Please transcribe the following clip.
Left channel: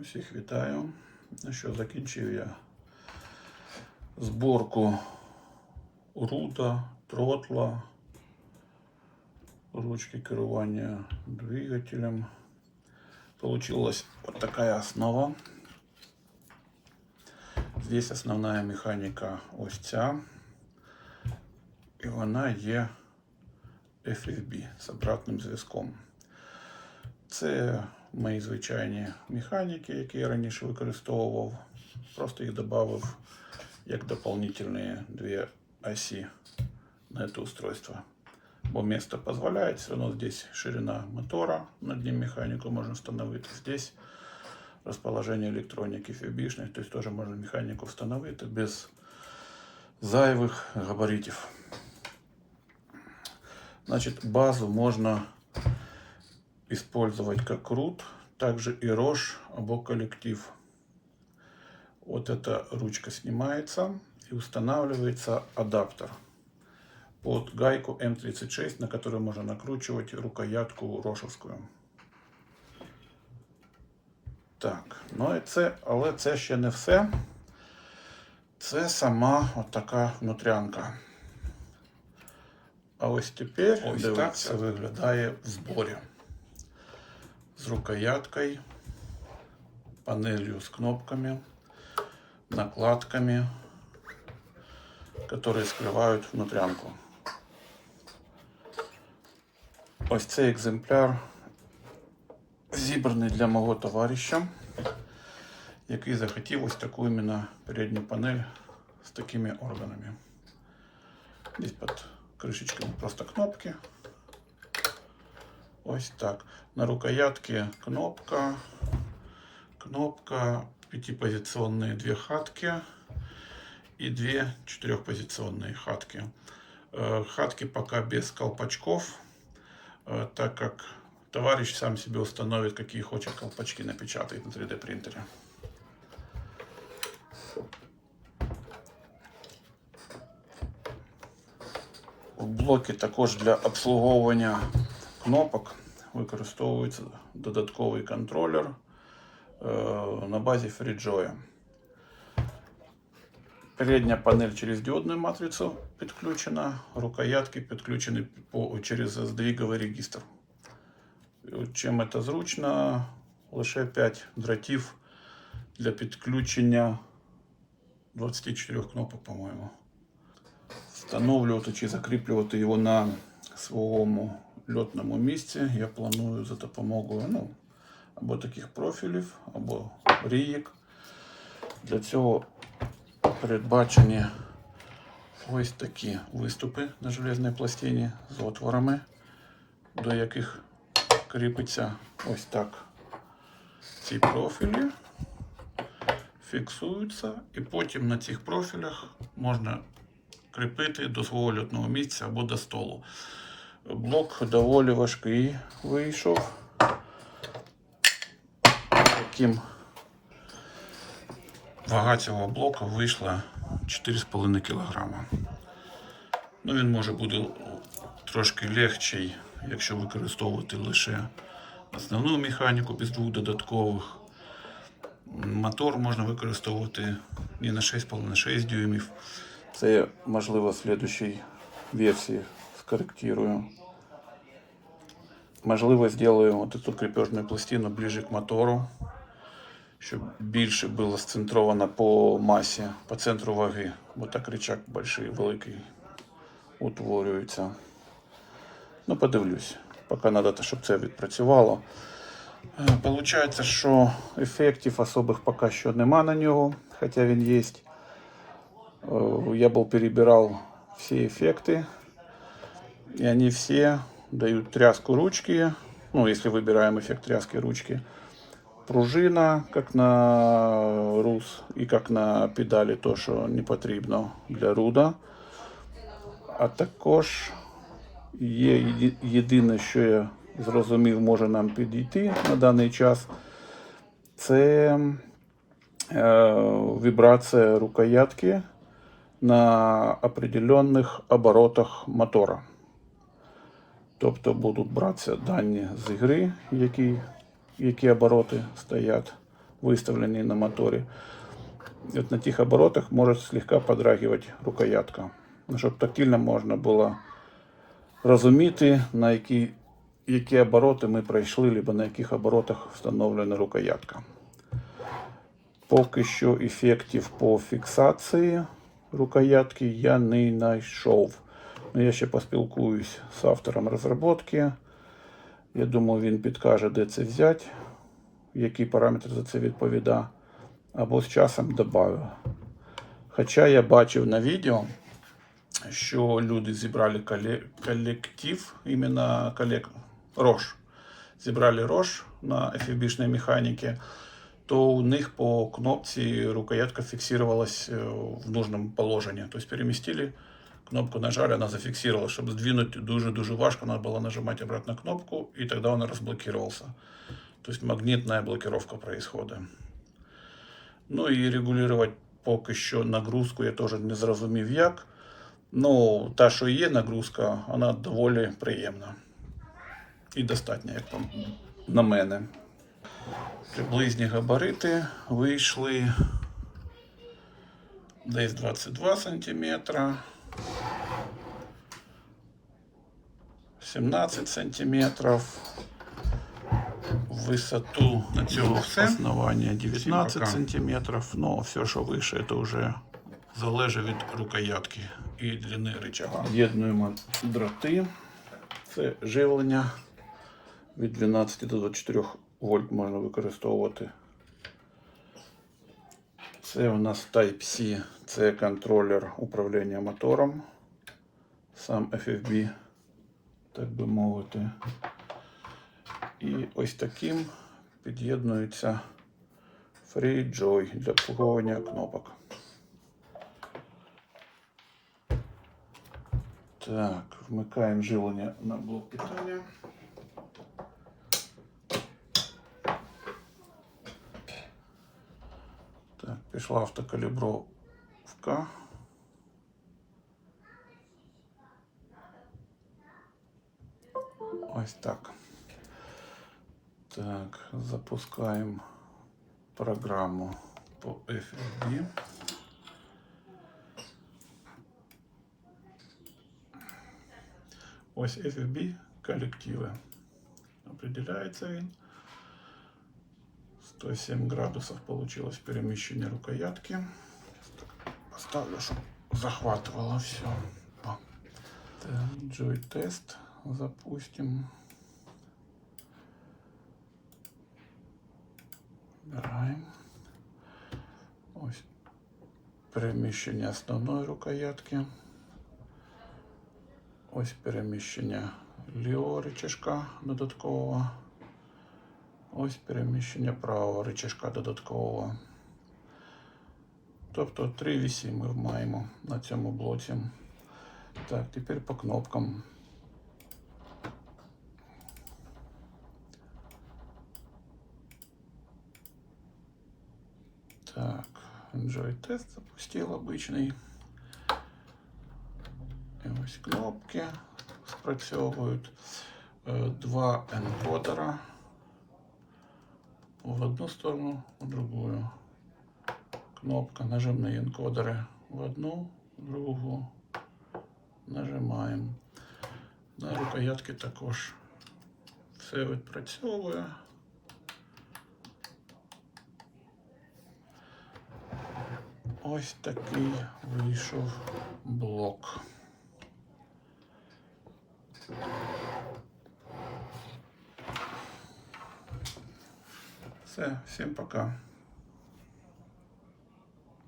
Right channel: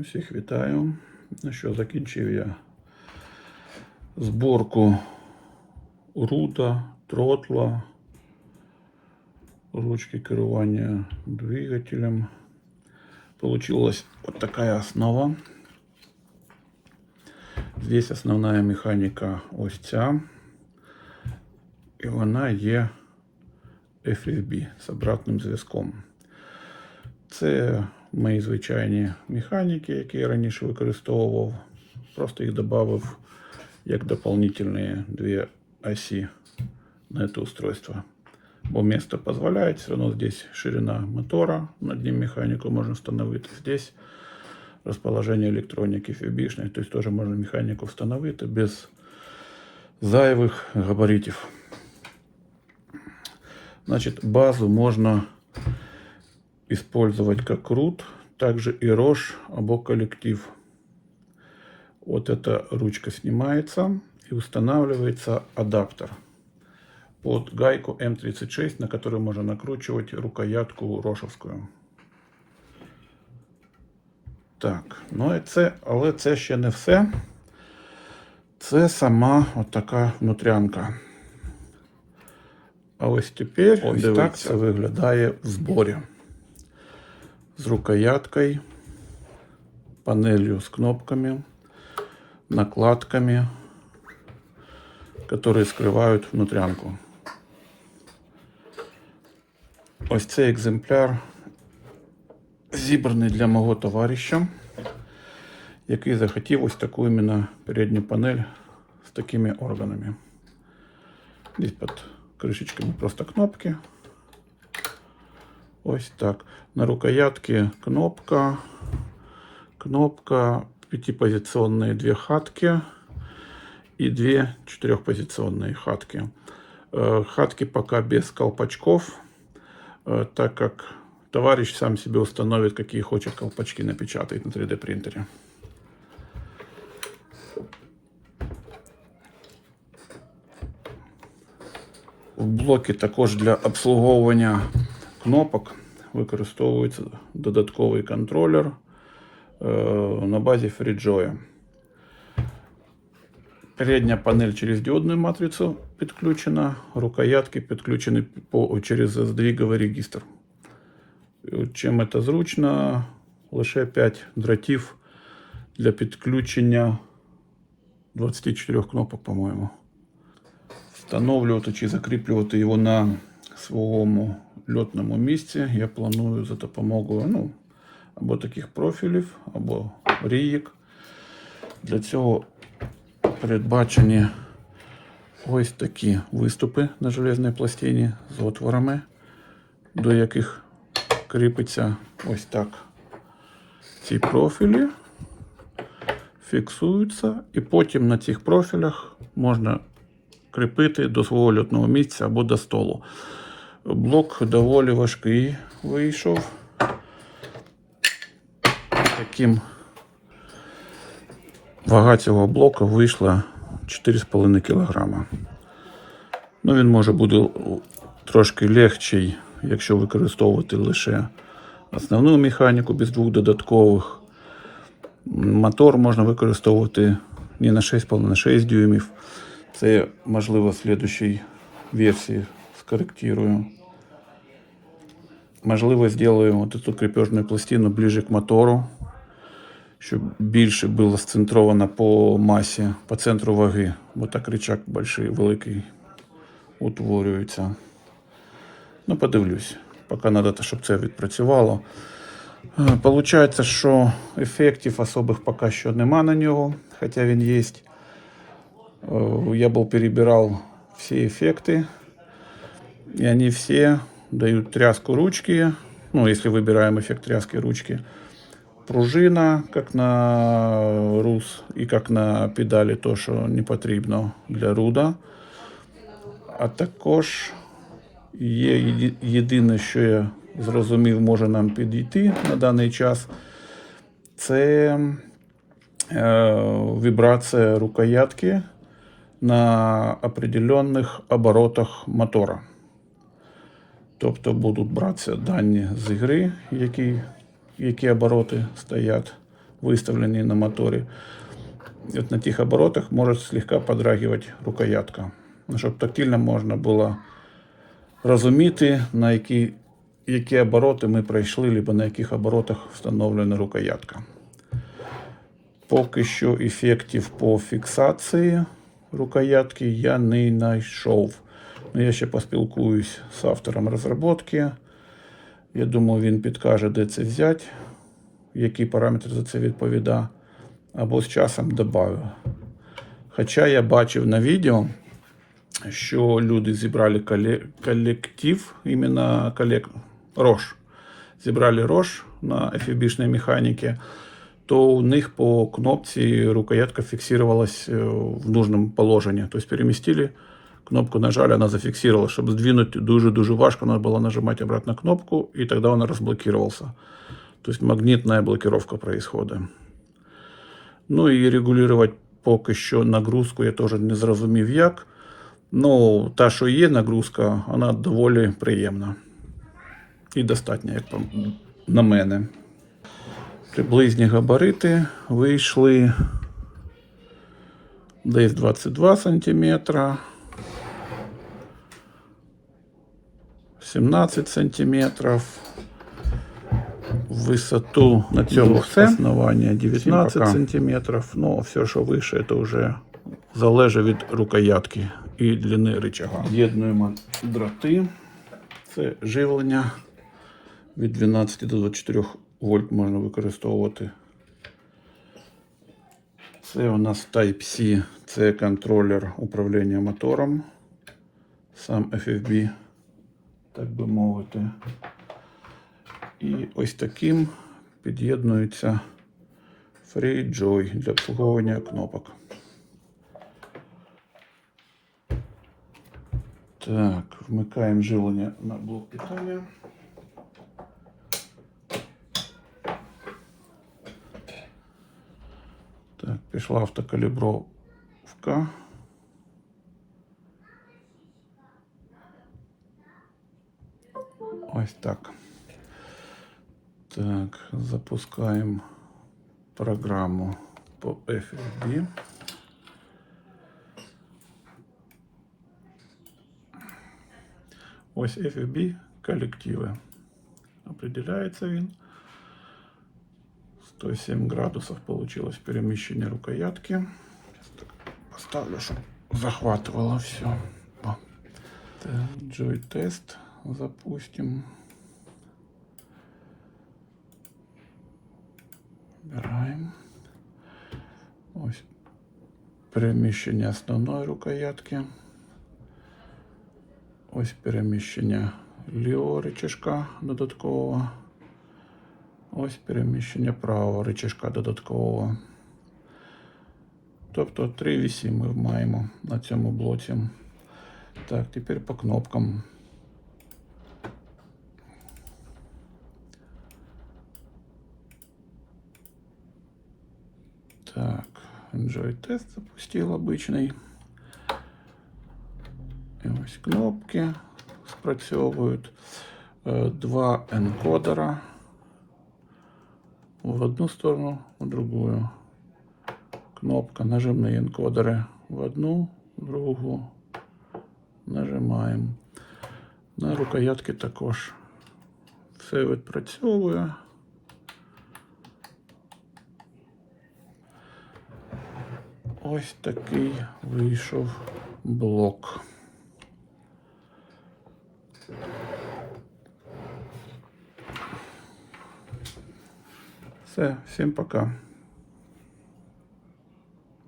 Усіх вітаю. Ну що, закінчив я зборку рута, тротла, ручки керування двигателем. Получилась вот такая основа. Здесь основная механіка ось ця. І вона є FFB з обратним зв'язком. Це мої звичайні механіки, які я раніше використовував. Просто їх додав як дополнительні дві осі на це устройство. Бо место позволяет, все равно здесь ширина мотора, над ним механику можно установить. Здесь расположение электроники фибишной, то есть тоже можно механику встановити без зайвих габаритів. Значит, базу можно использовать как рут, также и рожь або коллектив. Вот эта ручка снимается и устанавливается адаптер под гайку М36, на которую можно накручивать рукоятку рошовською. Так, ну і це, але це ще не все. Це сама така внутрянка. А ось тепер ось так це виглядає в зборі. З рукояткою, панелью з кнопками, накладками, которые скрывают внутрянку. Ось цей екземпляр зібраний для мого товариша, який захотів ось таку іменно передню панель з такими органами. Здесь під кришечками просто кнопки. Ось так. На рукоятке кнопка, кнопка, пятипозиционные две хатки и две четырехпозиционные хатки. Э, Хатки пока без колпачков, э, так как товарищ сам себе установит, какие хочет колпачки напечатает на 3D принтере. В блокі також для обслуговування кнопок використовується додатковий контролер е, на базі FreeJoy. Передня панель через діодну матрицю підключена, рукоятки підключені по, через здвіговий регістр. Чим це зручно, лише 5 дротів для підключення 24 кнопок, по-моєму. Встановлювати чи закріплювати його на своєму льотному місці я планую за допомогою ну, або таких профілів, або ріїк. Для цього передбачені ось такі виступи на железній пластині з отворами, до яких кріпиться ось так ці профілі. Фіксуються, і потім на цих профілях можна кріпити до свого льотного місця або до столу. Блок доволі важкий вийшов. Таким вага цього блоку вийшла 4,5 кг. Ну, він може бути трошки легший, якщо використовувати лише основну механіку без двох додаткових. Мотор можна використовувати не на 6,5 на 6 дюймів. Це можливо в слідчій версії скорректирую. Можливо, зроблю вот эту крепежную пластину ближе к мотору, щоб більше було сцентровано по масі, по центру ваги. Бо так рычаг большой, великий утворюється. Ну, подивлюсь, поки треба, щоб це відпрацювало. Е, Получається, що ефектів особих поки що нема на нього, хоча він є. Э, я был перебирал все эффекты, и они все дают тряску ручки, ну, если выбираем эффект тряски ручки, пружина, как на рус, и как на педалі, то, що не потрібно для руда. А також є єди- єдине, що я зрозумів, може нам підійти на даний час, це е, вібрація рукоятки на определенних оборотах мотора. Тобто будуть братися дані з ігри, які, які обороти стоять выставленные на моторе. И вот на тих оборотах может слегка подрагивать рукоятка. Щоб тактильно можна було розуміти, на які, які обороти ми пройшли, либо на яких оборотах встановлена рукоятка. Поки що ефектів по фіксації рукоятки я не знайшов. Ну, Я ще поспілкуюсь з автором розробки. Я думаю, він підкаже, де це взяти, який параметр за це відповідає, або з часом додаю. Хоча я бачив на відео, що люди зібрали колектив, іменно колек... Рош. Зібрали Рош на FFB-шній механіці, то у них по кнопці рукоятка фиксировалась э, в нужном положении. То есть переместили, кнопку нажали, она зафиксировалась. Чтобы сдвинуть дуже-дуже важко, надо было нажимать обратно кнопку, и тогда он разблокировался. То есть магнитная блокировка происходит. Ну і регулювати поки що нагрузку я теж не зрозумів як. Ну, та, що є нагрузка, вона доволі приємна. І достатня, як там на мене. Приблизні габарити вийшли десь 22 см, 17 сантиметров. Высоту на цьому основання 19 сантиметров. Ну, все, що вище, це вже залежить від рукоятки і длини рычага. Єднуємо дроти. Це живлення від 12 до 24 вольт можна використовувати. Це у нас Type-C, це контролер управління мотором. Сам FFB, так би мовити. І ось таким під'єднується FreeJoy для обслуговування кнопок. Так, вмикаємо живлення на блок питання. Так, пішла автокалібровка. Ось так. Так, запускаємо програму по FFB. Ось FFB колективи. Определяється він. 107 градусов получилось перемещение рукоятки. Поставлю, чтобы захватывало все. О. Так, Joy тест запустим. Выбираем. Ось переміщення основної рукоятки. Ось переміщення лівого рычажка додаткового. Ось переміщення правого рычажка додаткового. Тобто три вісі ми маємо на цьому блоці. Так, тепер по кнопкам. Так, Enjoy тест запустил обичний. І ось кнопки спрацьовують. Е, Два енкодера в одну сторону, в другую. Кнопка нажимные энкодеры в одну, в другу. Нажимаємо. На рукоятки також все відпрацьовує. Ось такий вийшов блок. Все, всім пока.